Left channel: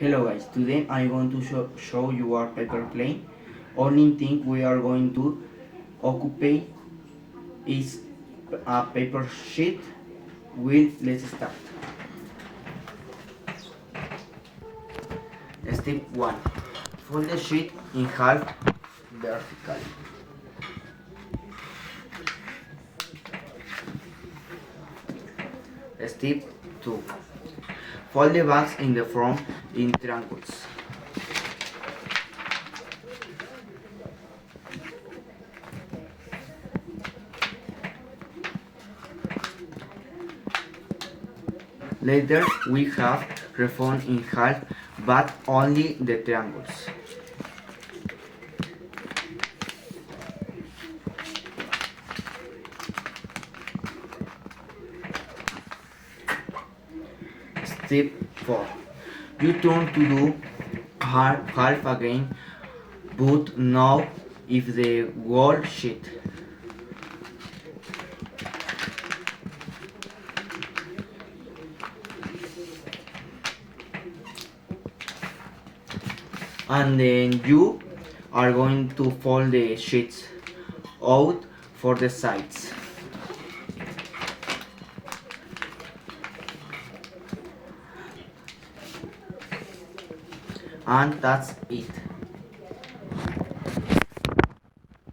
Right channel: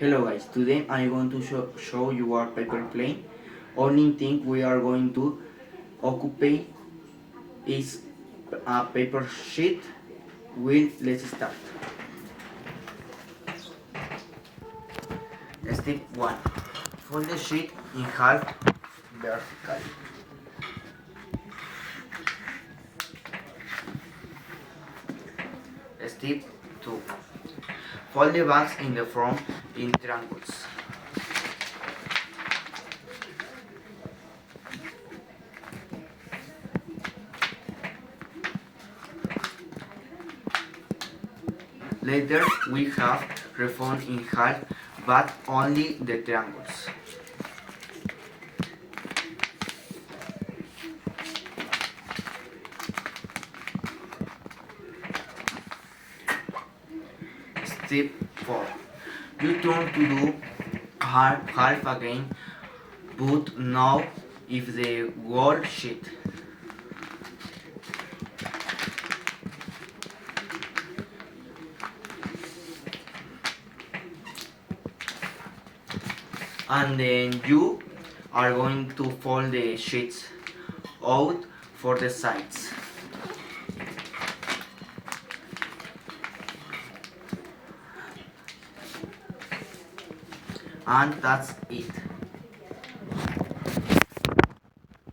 Hello guys, today I'm going to show you our paper plane. Only thing we are going to occupy is a paper sheet. Let's start. Step 1. Fold the sheet in half vertically. Step 2. Fold the bags in the front in triangles. Later we have refold in half, but only the triangles. Step 4. You turn to do half again, but now if the whole sheet. And then you are going to fold the sheets out for the sides. And that's it.